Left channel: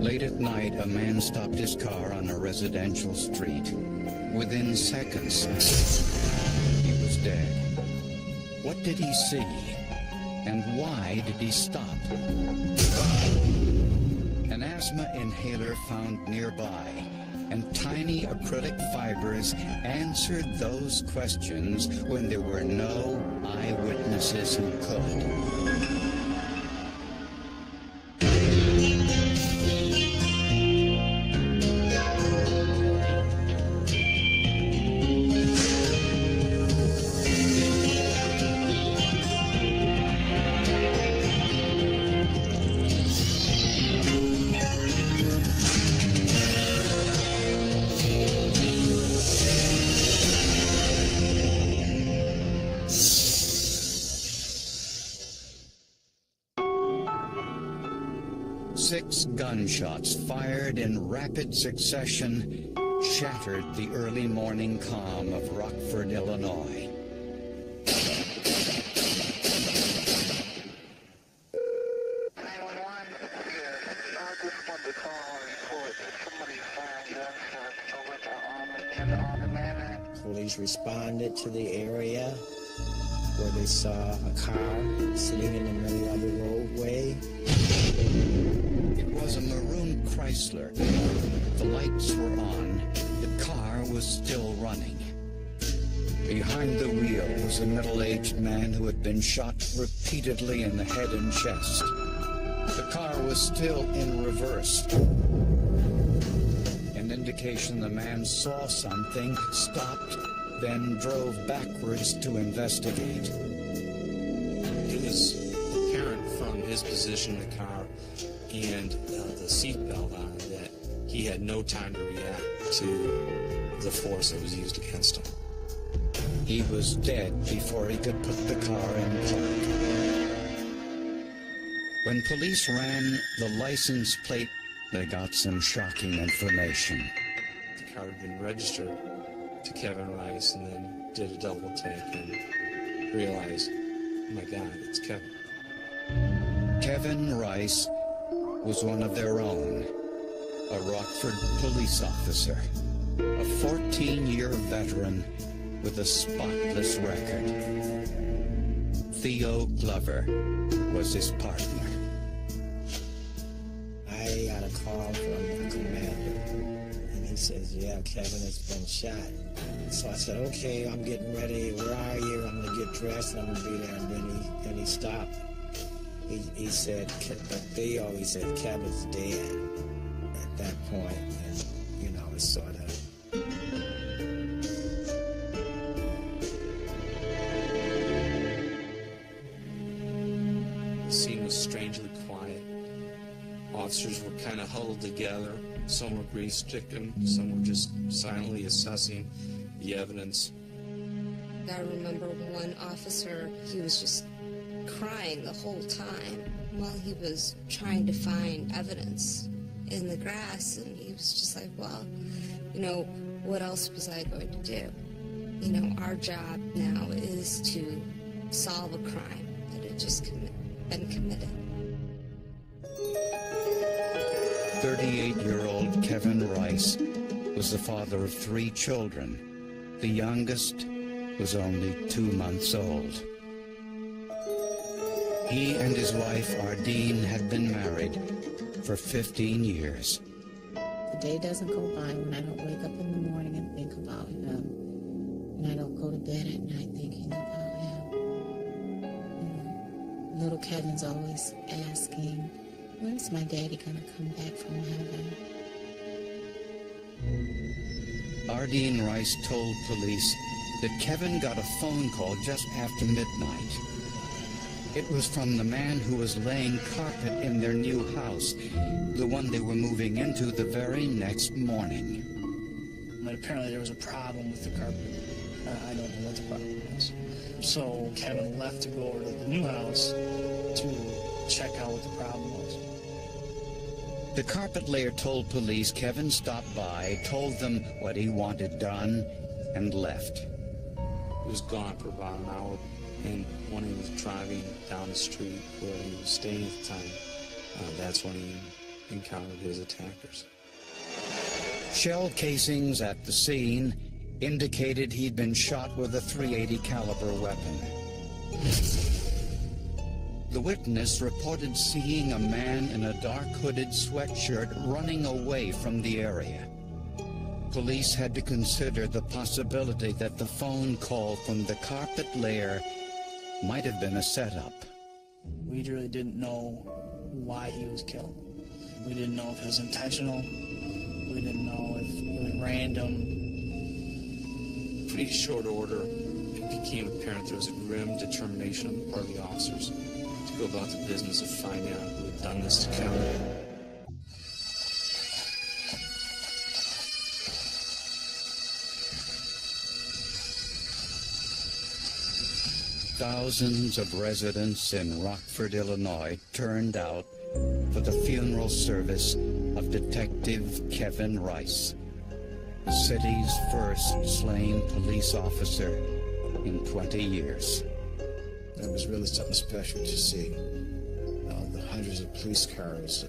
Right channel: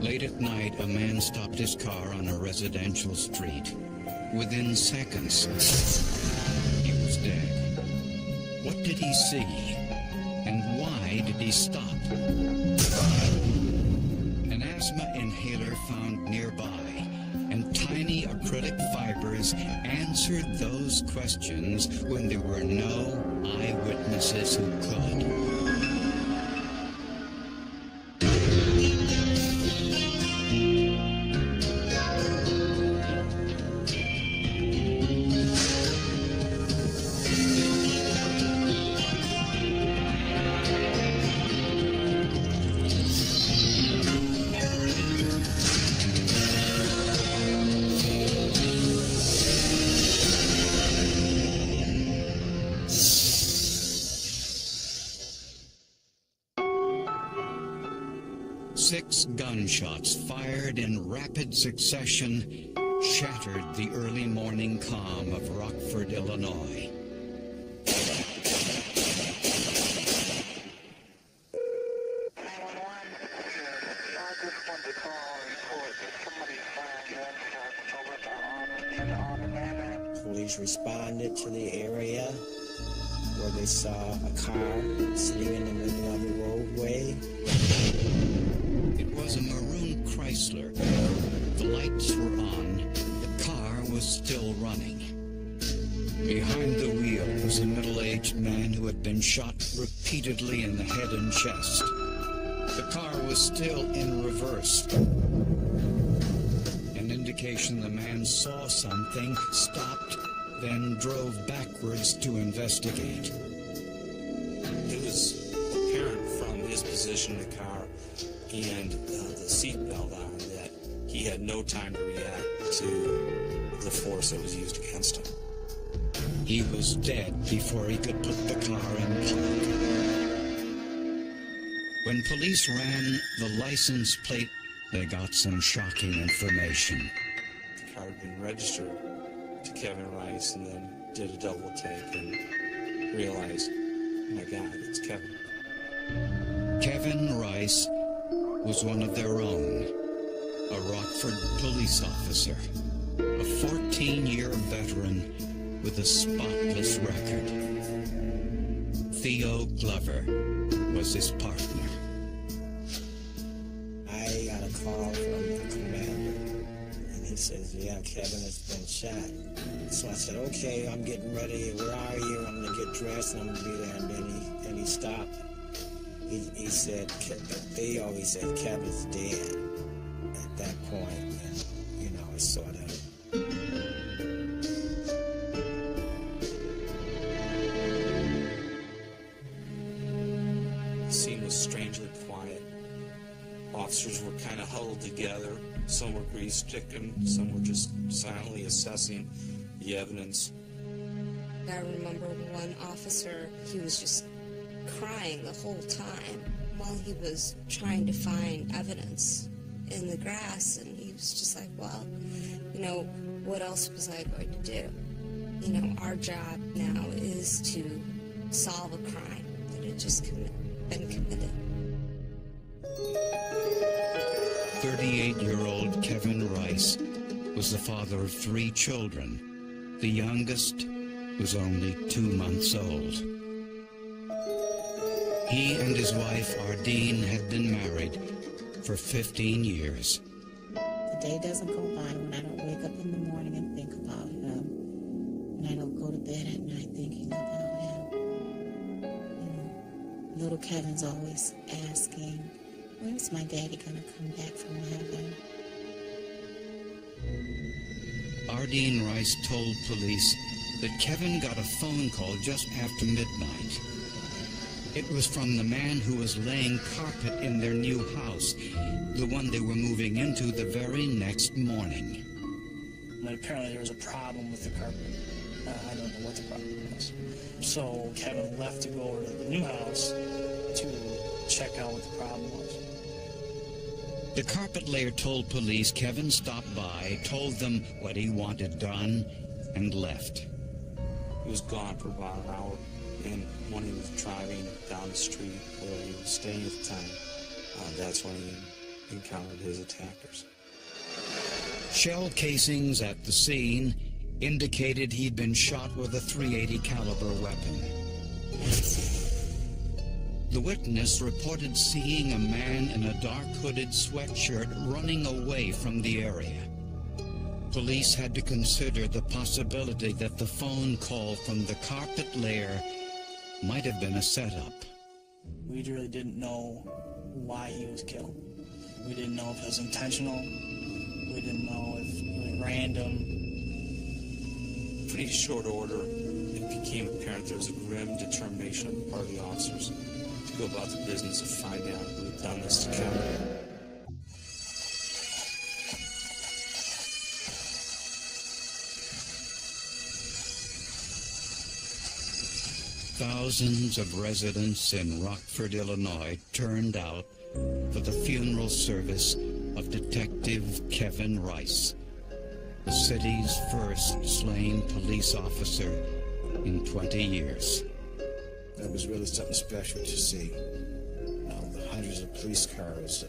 Late at night, a man stopped his car on a residential street. Within seconds, he was dead. What did he see? And why did he stop? An asthma inhaler found nearby, and tiny acrylic fibers answered those questions when there were no eyewitnesses who could. Six gunshots fired in rapid succession shattered the early morning calm of Rockford, Illinois. 911, yes, I just wanted to call and report that somebody fired gunshots over at the Alder Manor. Police responded to the area where they saw a car sitting in the middle of the roadway. It was a maroon Chrysler. The lights were on. The car was still running. Behind the wheel was a middle-aged man who had been shot repeatedly in the head and chest. The car was still in reverse. An indication the man saw something, stopped, then drove backwards to investigate. It was apparent from his position in the car and the seatbelt on that he had no time to react to the force that was used against him. He was dead before he could put the car in park. When police ran the license plate, they got some shocking information. The car had been registered to Kevin Rice, and then did a double take and realized, oh my God, it's Kevin. Kevin Rice was one of their own, a Rockford police officer, a 14-year veteran with a spotless record. Theo Glover was his partner. I got a call from a commander, and he says, yeah, Kevin has been shot. So I said, okay, I'm getting ready. Where are you? I'm going to get dressed, and I'm going to be there. And then he stopped. He said, Theo, he said, Kevin's dead at that point. And, you know, it's sort of... The scene was strangely quiet. Officers were kind of huddled together. Some were grief-stricken, some were just silently assessing the evidence. I remember one officer, he was just crying the whole time while he was trying to find evidence in the grass, and he was just like, well, you know, what else was I going to do? You know, our job now is to solve a crime that had just been committed. 38-year-old Kevin Rice was the father of 3 children. The youngest was only 2 months old. He and his wife, Ardeen, had been married for 15 years. The day doesn't go by when I don't wake up in the morning and think about him, and I don't go to bed at night thinking about him. You know, little Kevin's always asking, when is my daddy gonna come back from heaven? Ardeen Rice told police that Kevin got a phone call just after midnight. It was from the man who was laying carpet in their new house, the one they were moving into the very next morning. But apparently there was a problem with the carpet. I don't know what the problem was. So Kevin left to go over to the new house to check out what the problem was. The carpet layer told police Kevin stopped by, told them what he wanted done, and left. He was gone for about an hour, and when he was driving down the street where he was staying at the time, that's when he encountered his attackers. Shell casings at the scene indicated he'd been shot with a .380 caliber weapon. The witness reported seeing a man in a dark hooded sweatshirt running away from the area. Police had to consider the possibility that the phone call from the carpet lair might have been a setup. We really didn't know why he was killed. We didn't know if it was intentional. We didn't know if it was random. Pretty short order, it became apparent there was a grim determination on the part of the officers to go about the business of finding out who had done this to Kevin. Thousands of residents in Rockford, Illinois turned out for the funeral service of Detective Kevin Rice, the city's first slain police officer in 20 years. It was really something special to see. The hundreds of police cars,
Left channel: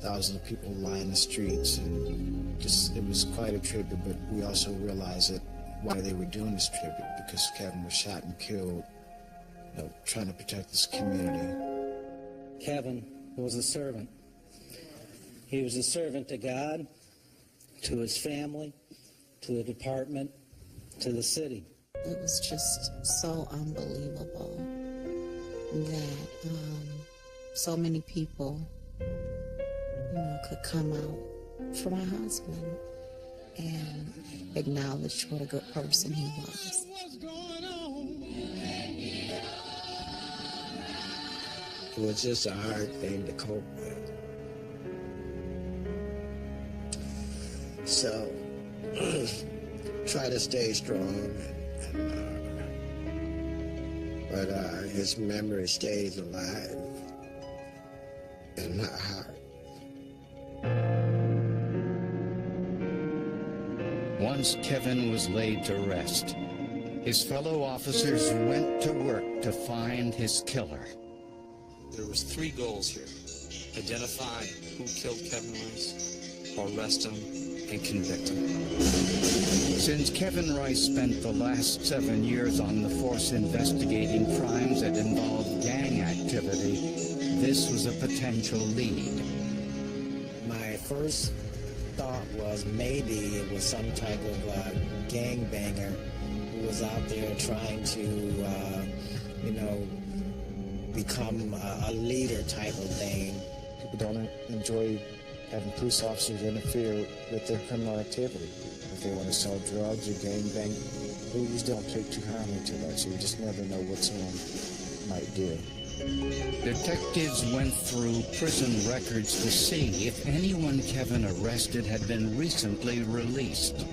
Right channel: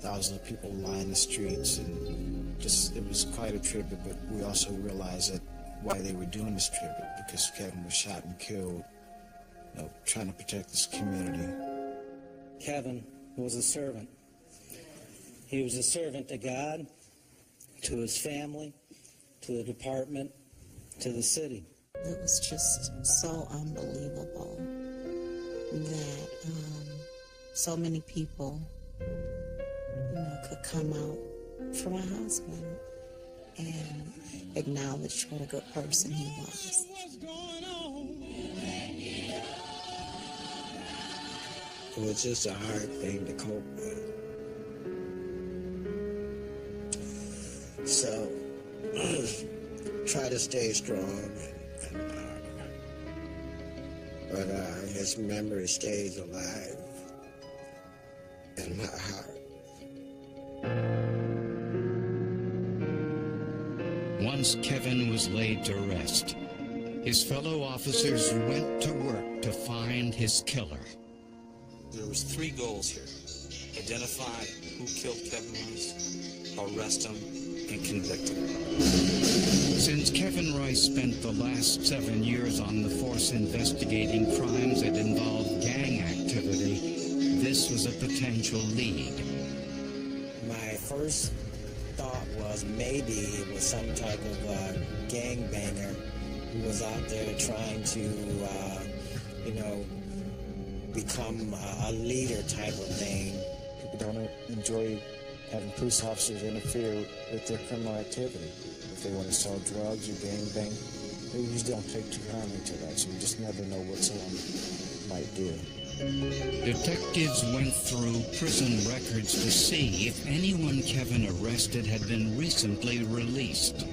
thousands of people lying in the streets, and it was quite a tribute, but we also realized that why they were doing this tribute, because Kevin was shot and killed, trying to protect this community. Kevin was a servant. He was a servant to God, to his family, to the department, to the city. It was just so unbelievable that so many people, could come out for my husband and acknowledge what a good person he was. It was just a hard thing to cope with. So, try to stay strong, but his memory stays alive in my heart. Once Kevin was laid to rest, his fellow officers went to work to find his killer. There was 3 goals here: identify who killed Kevin Rice, arrest him, and convict him. Since Kevin Rice spent the last 7 years on the force investigating crimes that involved gang activity, this was a potential lead. My first thought was maybe it was some type of gangbanger who was out there trying to, become a leader type of thing. People don't enjoy having police officers interfere with their criminal activity. If they want to sell drugs or gangbang, they usually don't take too kindly to that, so you just never know what someone might do. Detectives went through prison records to see if anyone Kevin arrested had been recently released.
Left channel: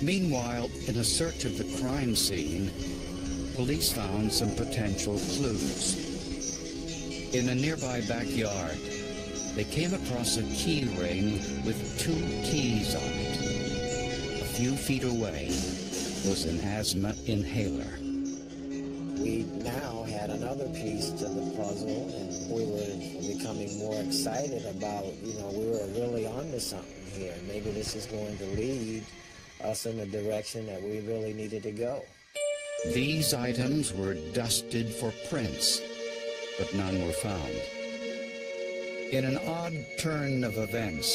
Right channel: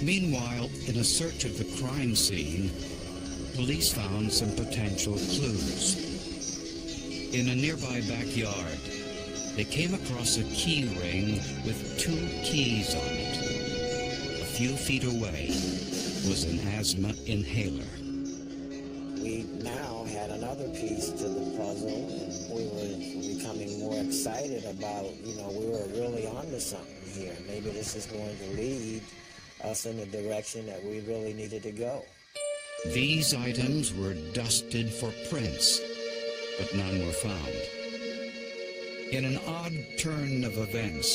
Meanwhile, in a search of the crime scene, police found some potential clues. In a nearby backyard, they came across a key ring with 2 keys on it. A few feet away was an asthma inhaler. We now had another piece to the puzzle, and we were becoming more excited about, we were really onto something here. Maybe this is going to lead us in the direction that we really needed to go. These items were dusted for prints, but none were found. In an odd turn of events,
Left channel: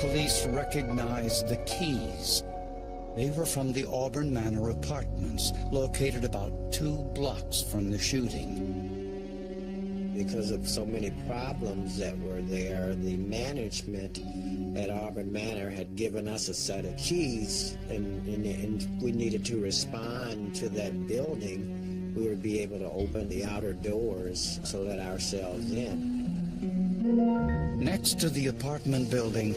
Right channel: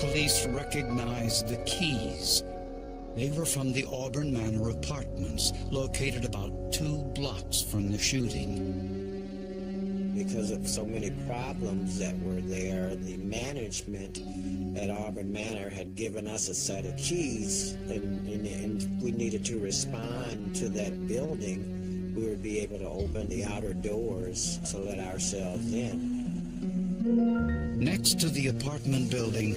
police recognized the keys. They were from the Auburn Manor apartments, located about 2 blocks from the shooting. Because of so many problems that were there, the management at Auburn Manor had given us a set of keys, and we needed to respond to that building. We would be able to open the outer doors to let ourselves in. Next to the apartment building,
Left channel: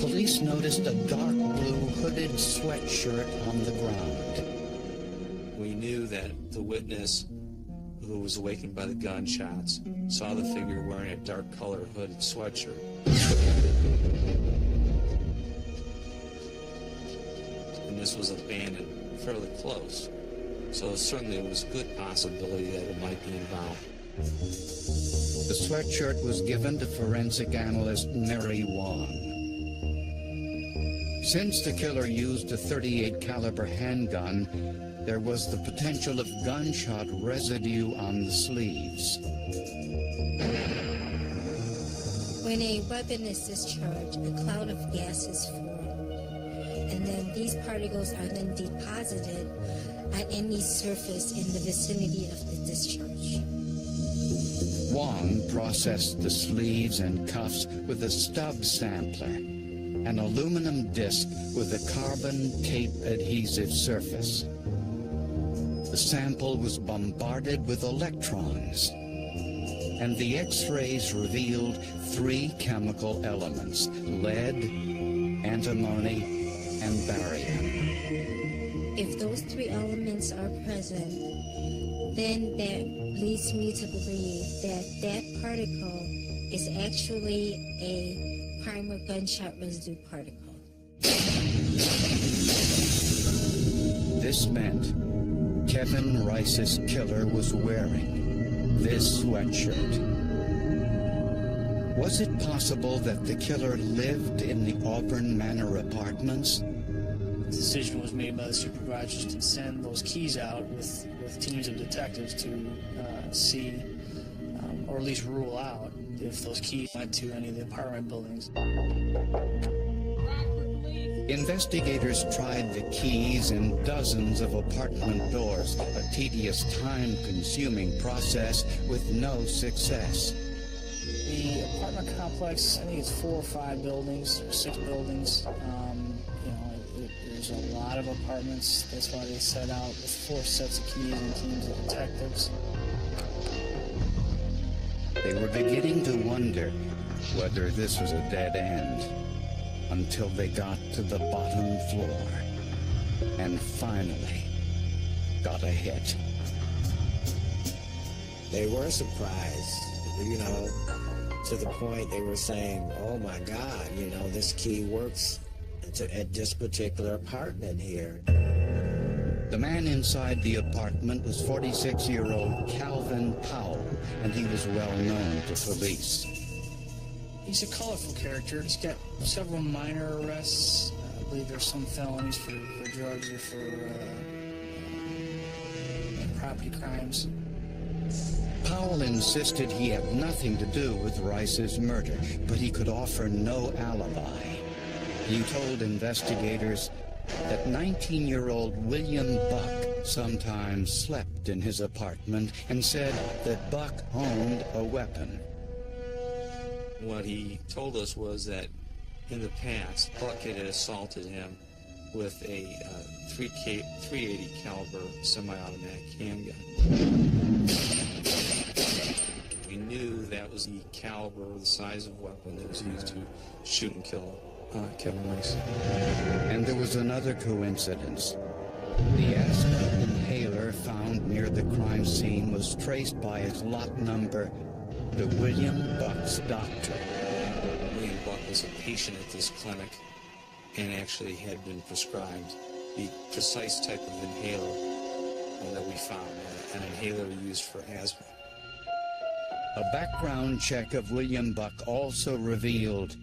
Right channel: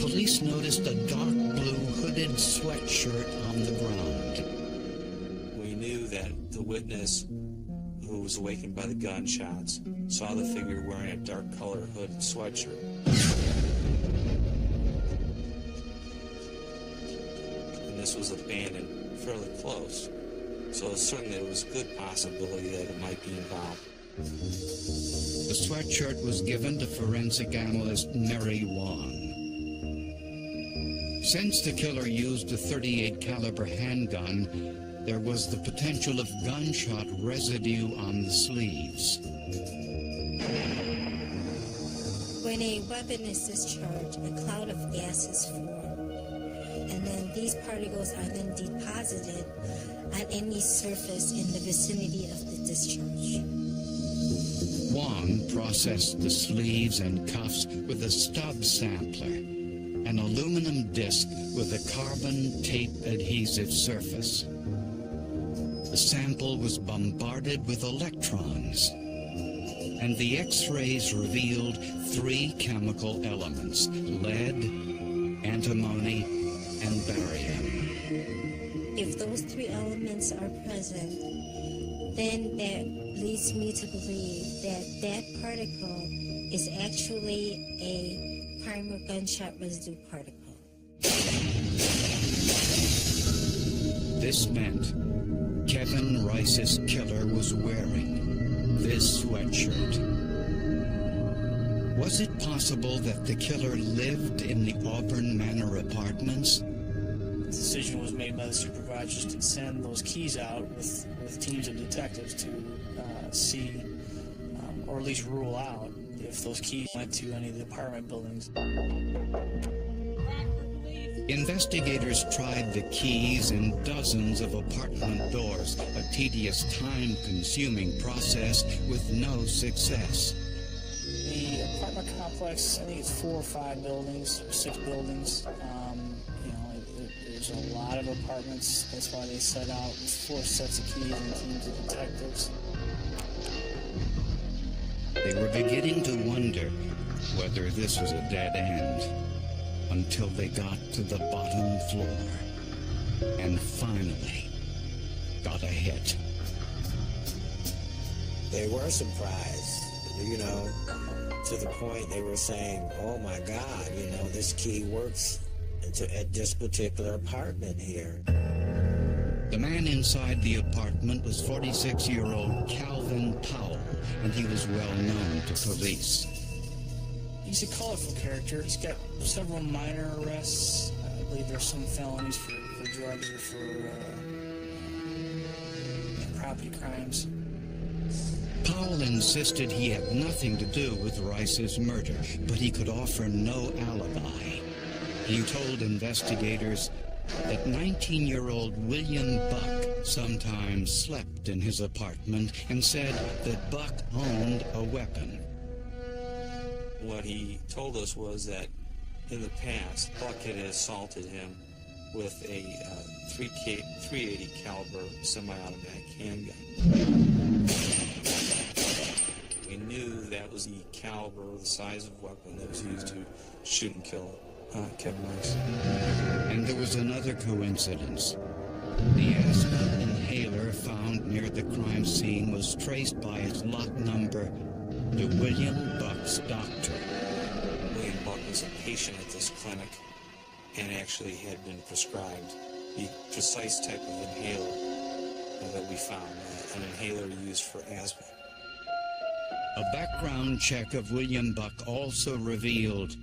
police noticed a dark blue hooded sweatshirt on the ground. We knew that the witness, who was awakened by the gunshots, saw the figure wearing a dark colored hooded sweatshirt. And this was abandoned fairly close. So certainly there was a good possibility that it might be involved. The sweatshirt was given to forensic analyst Mary Wong. Since the killer used a .38 caliber handgun, there was the potential of gunshot residue on the sleeves. When a weapon is discharged, a cloud of gases form, and then these particles are then deposited at any surface in the vicinity of the discharge. Wong processed the sleeves and cuffs with a stub sampler, an aluminum disc with a carbon tape adhesive surface. The sample was bombarded with electrons, and the X-rays revealed 3 chemical elements: lead, antimony, and barium. If those 3 elements are present, then that leads me to believe that that particle is actually a primer gunshot residue particle. This meant Kevin Rice's killer was wearing this sweatshirt. Was it possible that the killer lived in the Auburn Manor apartments? The decision was made by the supervisors to send those keys out with teams of detectives to see, or at least rule out, if those keys went to any of the apartment buildings. Investigators tried the keys in dozens of apartment doors, a tedious, time-consuming process with no success. The apartment complex, I think it's 4 or 5 buildings, or 6 buildings. There's a lot of apartments. That's why they set out with 4 sets of keys and teams of detectives. They were beginning to wonder whether this was a dead end, until they got to the bottom floor and finally got a hit. They were surprised, to the point they were saying, oh my God, this key works at this particular apartment here. The man inside the apartment was 46-year-old Calvin Powell, and he was well known to police. He's a colorful character. He's got several minor arrests. I believe there's some felonies for drugs or for property crimes. Powell insisted he had nothing to do with Rice's murder, but he could offer no alibi. He told investigators that 19-year-old William Buck sometimes slept in his apartment and said that Buck owned a weapon. What he told us was that in the past, Buck had assaulted him with a .380 caliber semi-automatic handgun. We knew that was the caliber or the size of weapon that was used to shoot and kill Kevin Rice. And there was another coincidence. The asthma inhaler found near the crime scene was traced by its lot number to William Buck's doctor. William Buck was a patient at this clinic and actually had been prescribed the precise type of inhaler that we found, an inhaler used for asthma. A background check of William Buck also revealed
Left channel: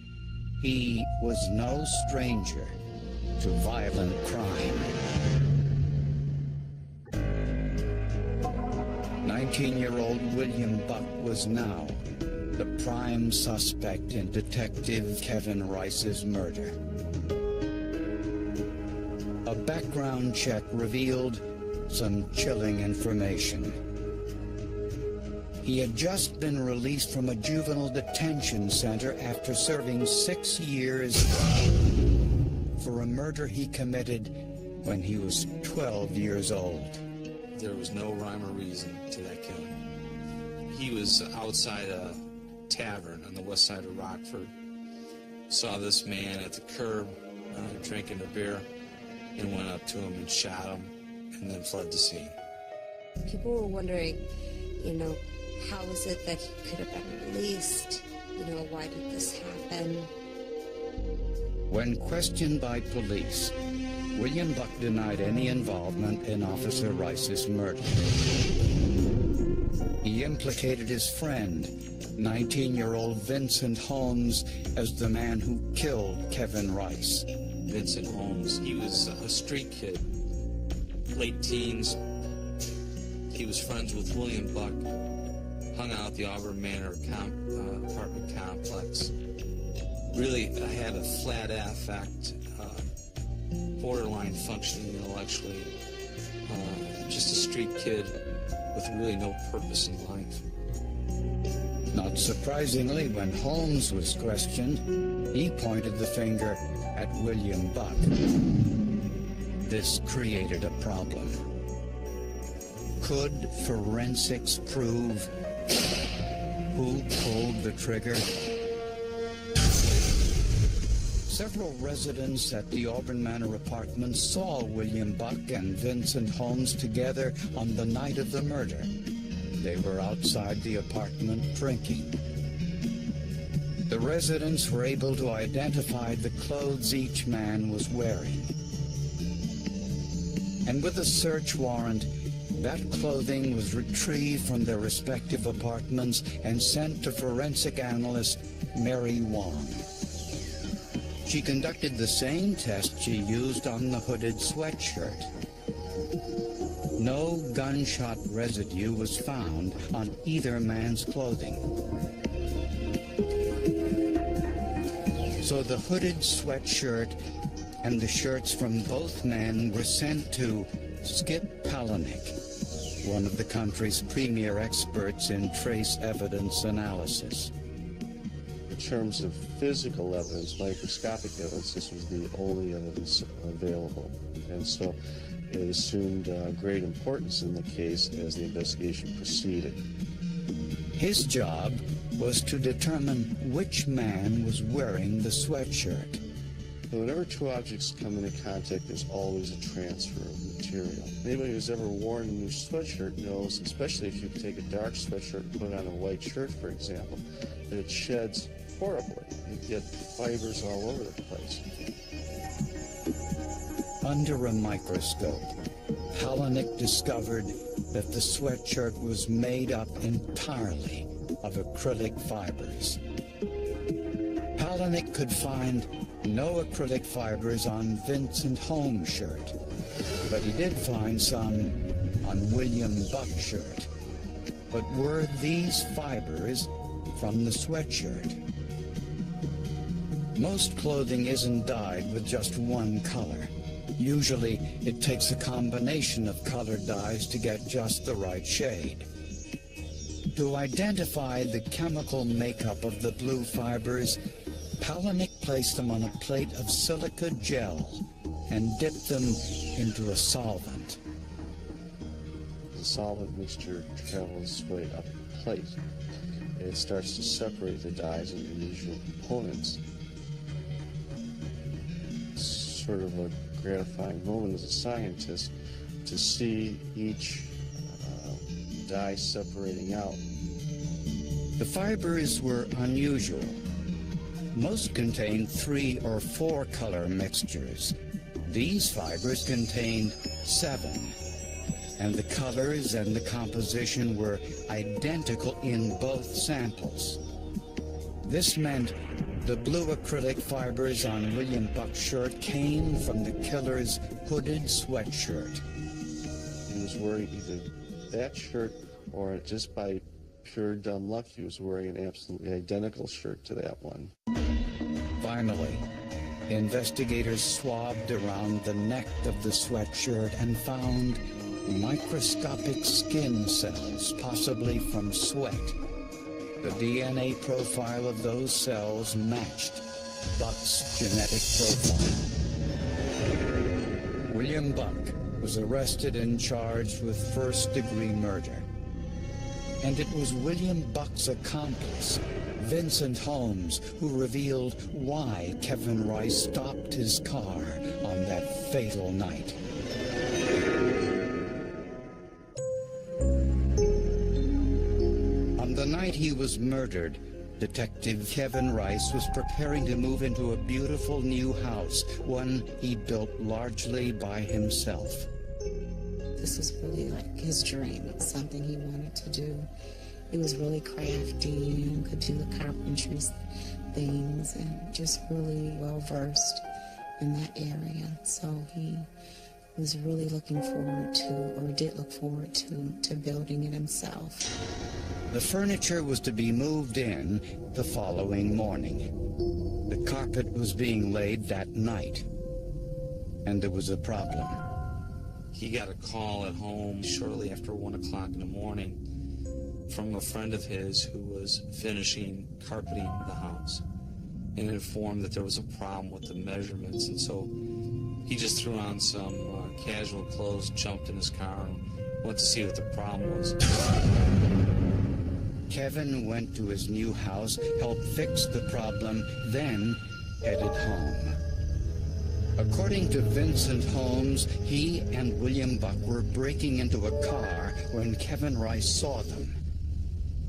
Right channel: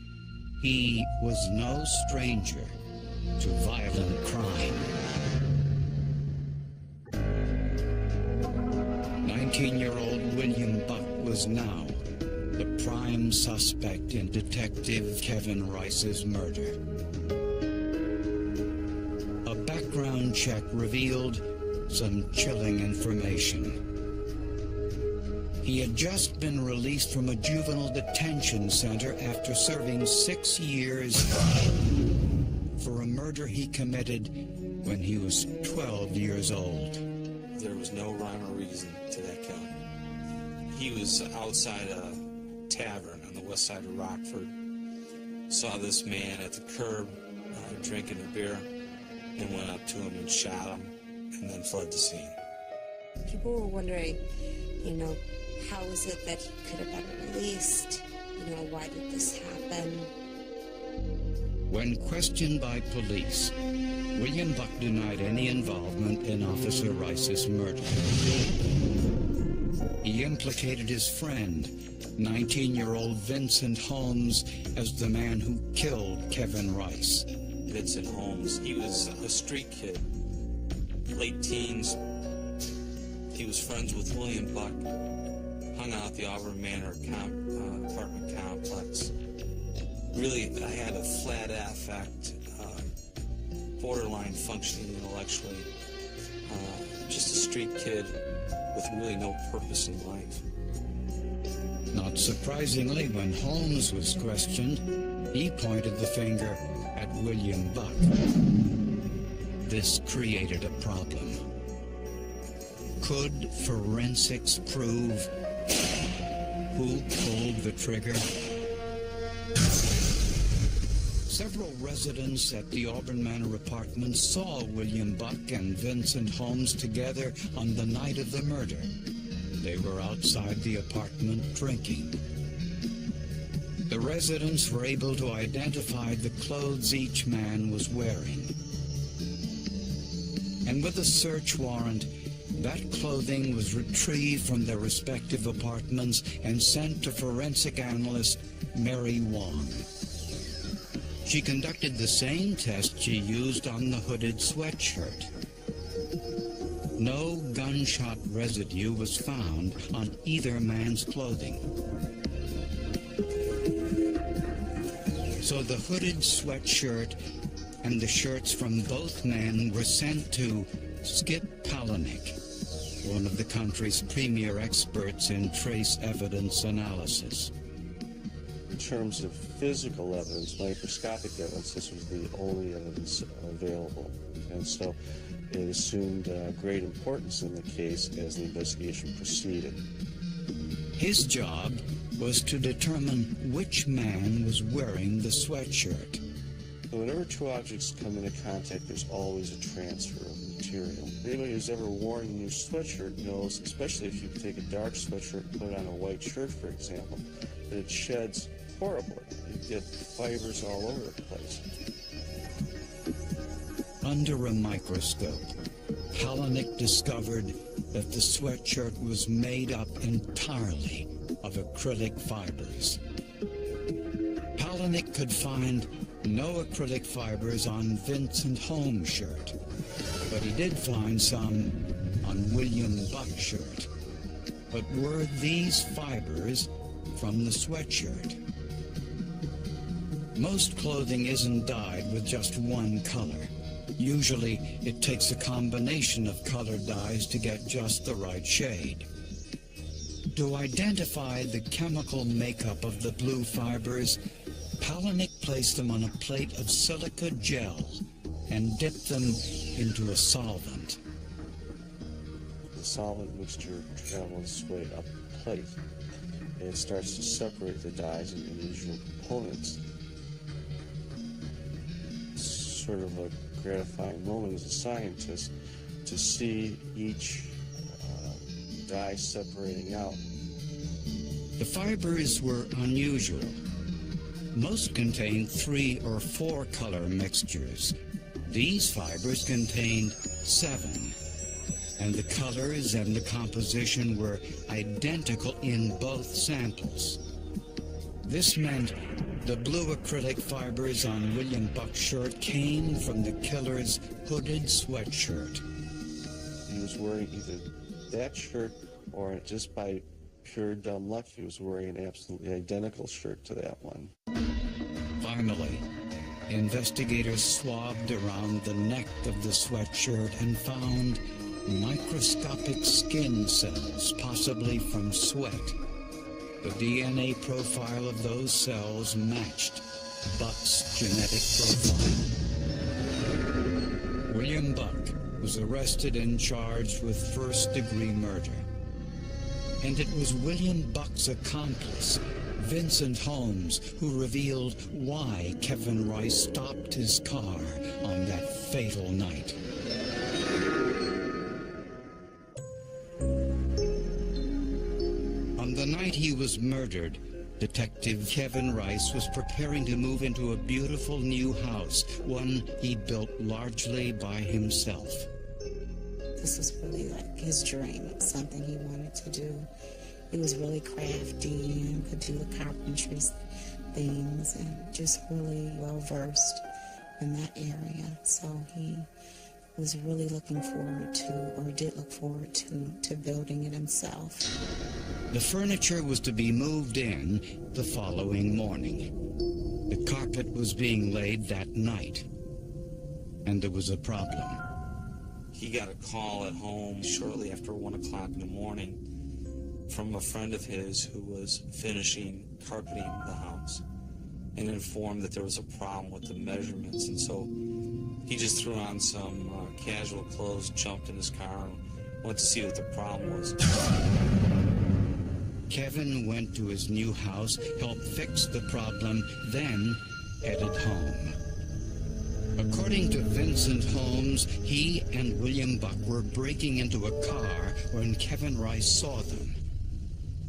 he was no stranger to violent crime. 19-year-old William Buck was now the prime suspect in Detective Kevin Rice's murder. A background check revealed some chilling information. He had just been released from a juvenile detention center after serving 6 years for a murder he committed when he was 12 years old. There was no rhyme or reason to that killing. He was outside a tavern on the west side of Rockford, saw this man at the curb drinking a beer, and went up to him and shot him, and then fled the scene. People were wondering, how is it that he could have been released? Why did this happen? When questioned by police, William Buck denied any involvement in Officer Rice's murder. He implicated his friend, 19-year-old Vincent Holmes as the man who killed Kevin Rice. Vincent Holmes, he was a street kid, late teens. He was friends with William Buck, hung out at the Auburn Manor apartment complex. Really had a flat affect, borderline functioning intellectually. Just a street kid with really no purpose in life. Not surprisingly, when Holmes was questioned, he pointed the finger at William Buck. This created a problem. Could forensics prove who pulled the trigger? Several residents at the Auburn Manor apartments saw William Buck and Vincent Holmes together on the night of the murder. They were outside the apartment drinking. The residents were able to identify the clothes each man was wearing. And with a search warrant, that clothing was retrieved from their respective apartments and sent to forensic analyst Mary Wong. She conducted the same test she used on the hooded sweatshirt. No gunshot residue was found on either man's clothing. So the hooded sweatshirt and the shirts from both men were sent to Skip Palahniuk, one of the country's premier experts in trace evidence analysis. In terms of physical evidence, microscopic evidence, this was the only evidence available. And so it assumed great importance in the case as the investigation proceeded. His job was to determine which man was wearing the sweatshirt. So whenever two objects come into contact, there's always a transfer of material. Anybody who's ever worn a new sweatshirt knows, especially if you take a dark sweatshirt and put on a white shirt, for example, that it sheds horribly. You get fibers all over the place. Under a microscope, Palahniuk discovered that the sweatshirt was made up entirely of acrylic fibers. Palahniuk could find no acrylic fibers on Vincent Holmes' shirt, but he did find some on William Buck's shirt. But were these fibers from the sweatshirt? Most clothing isn't dyed with just one color. Usually, it takes a combination of colored dyes to get just the right shade. To identify the chemical makeup of the blue fibers, Palahniuk placed them on a plate of silica gel and dipped them into a solvent. The solvent mixture travels its way up the plate. It starts to separate the dyes into individual components. It's sort of a gratifying moment as a scientist to see each dye separating out. The fibers were unusual. Most contained 3 or 4 color mixtures. These fibers contained 7, and the colors and the composition were identical in both samples. This meant the blue acrylic fibers on William Buck's shirt came from the killer's hooded sweatshirt. He was wearing either that shirt or, just by pure dumb luck, he was wearing an absolutely identical shirt to that one. Finally, investigators swabbed around the neck of the sweatshirt and found microscopic skin cells, possibly from sweat. The DNA profile of those cells matched Buck's genetic profile. William Buck was arrested and charged with first-degree murder. And it was William Buck's accomplice, Vincent Holmes, who revealed why Kevin Rice stopped his car on that fatal night. On the night he was murdered, Detective Kevin Rice was preparing to move into a beautiful new house, one he built largely by himself. This was really like his dream. It was something he wanted to do. He was really crafty and could do the carpentry things and just really well versed in that area. So he was really looking forward to, or did look forward to building it himself. The furniture was to be moved in the following morning. The carpet was being laid that night, and there was a problem. He got a call at home shortly after 1 o'clock in the morning from a friend of his who was finishing carpeting the house and informed that there was a problem with the measurements. And so he just threw on some casual clothes, jumped in his car, and went to see what the problem was. Kevin went to his new house, helped fix the problem, then headed home. According to Vincent Holmes, he and William Buck were breaking into a car when Kevin Rice saw them.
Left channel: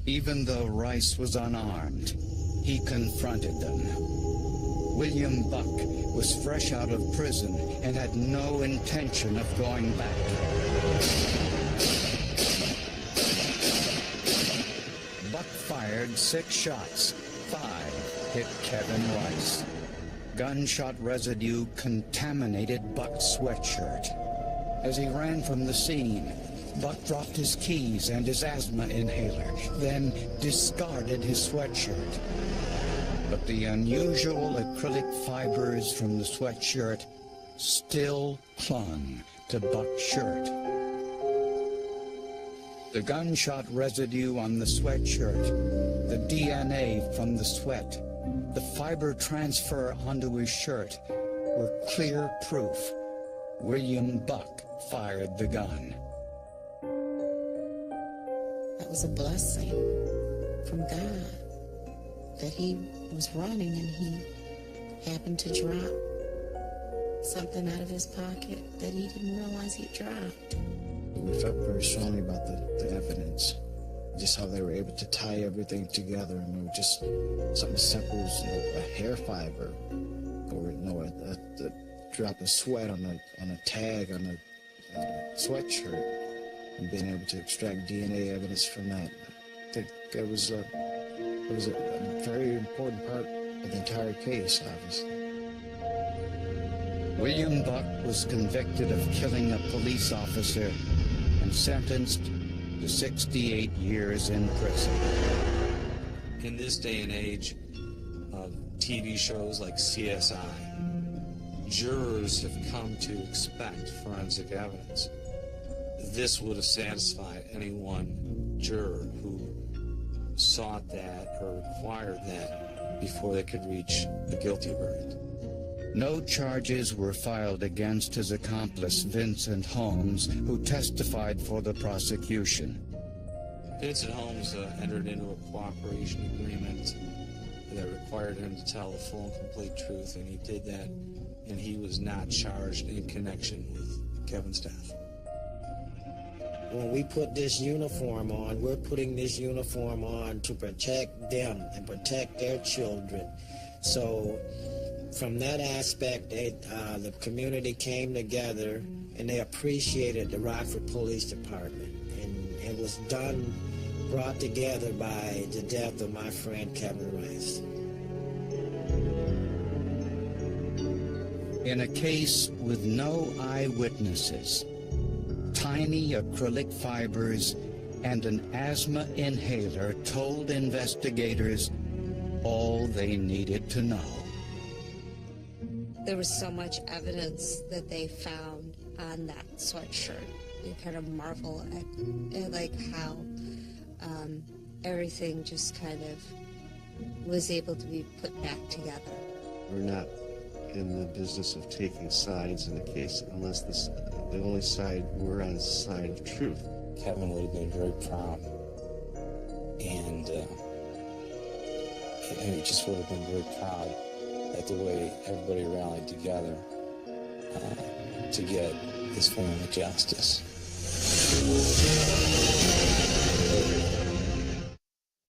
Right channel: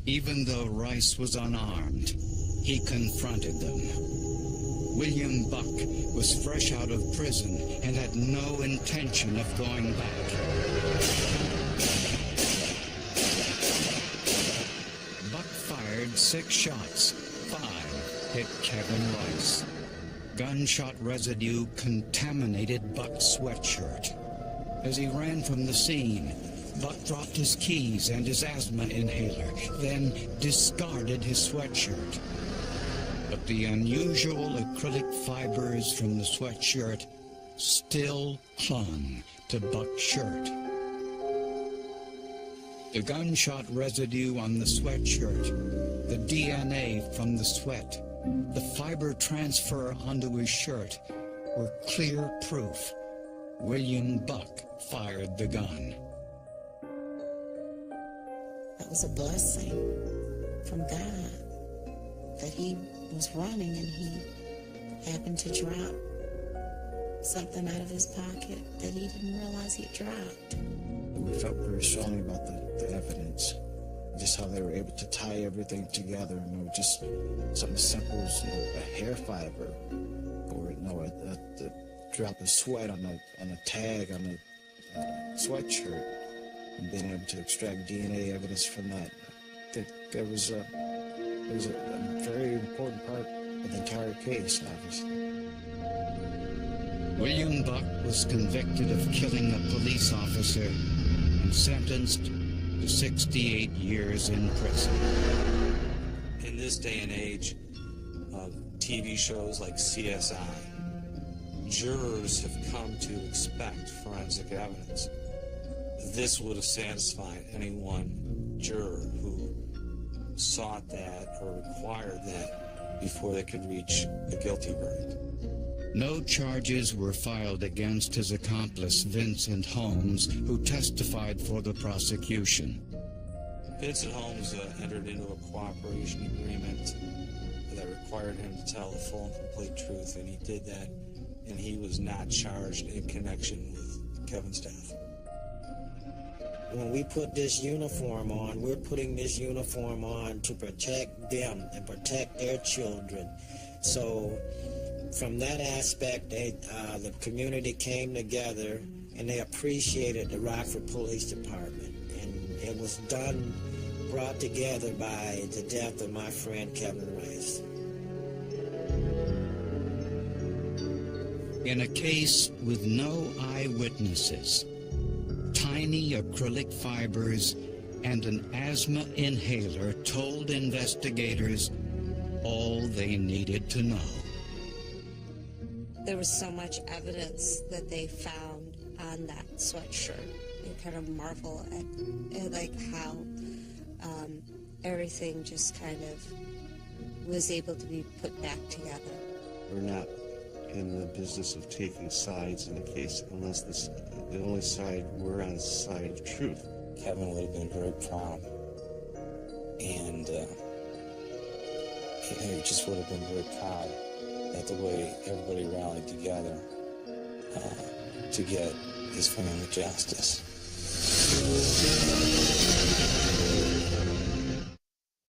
Even though Rice was unarmed, he confronted them. William Buck was fresh out of prison and had no intention of going back. Buck fired 6 shots. 5 hit Kevin Rice. Gunshot residue contaminated Buck's sweatshirt. As he ran from the scene, Buck dropped his keys and his asthma inhaler, then discarded his sweatshirt. But the unusual acrylic fibers from the sweatshirt still clung to Buck's shirt. The gunshot residue on the sweatshirt, the DNA from the sweat, the fiber transfer onto his shirt were clear proof William Buck fired the gun. That was a blessing from God that he was running and he happened to drop something out of his pocket that he didn't realize he dropped. We felt very strongly about the evidence, just how they were able to tie everything together, and just something as simple as a hair fiber, or a drop of sweat on a tag on a sweatshirt, and being able to extract DNA evidence from that. I think it was a very important part of the entire case, obviously. William Buck was convicted of killing a police officer and sentenced to 68 years in prison. In this day and age of TV shows like CSI, jurors have come to expect forensic evidence. This would have satisfied any one juror who sought that or required that before they could reach a guilty verdict. No charges were filed against his accomplice, Vincent Holmes, who testified for the prosecution. Vincent Holmes entered into a cooperation agreement that required him to tell the full and complete truth, and he did that, and he was not charged in connection with Kevin's death. When we put this uniform on, we're putting this uniform on to protect them and protect their children. So from that aspect, the community came together and they appreciated the Rockford Police Department. And it was brought together by the death of my friend Kevin Rice. In a case with no eyewitnesses, tiny acrylic fibers and an asthma inhaler told investigators all they needed to know. There was so much evidence that they found on that sweatshirt. You kind of marvel at like how everything just kind of was able to be put back together. We're not in the business of taking sides in a case unless the only side we're on is the side of truth. Kevin would have been very proud, and he just would have been very proud at the way everybody rallied together to get his family justice.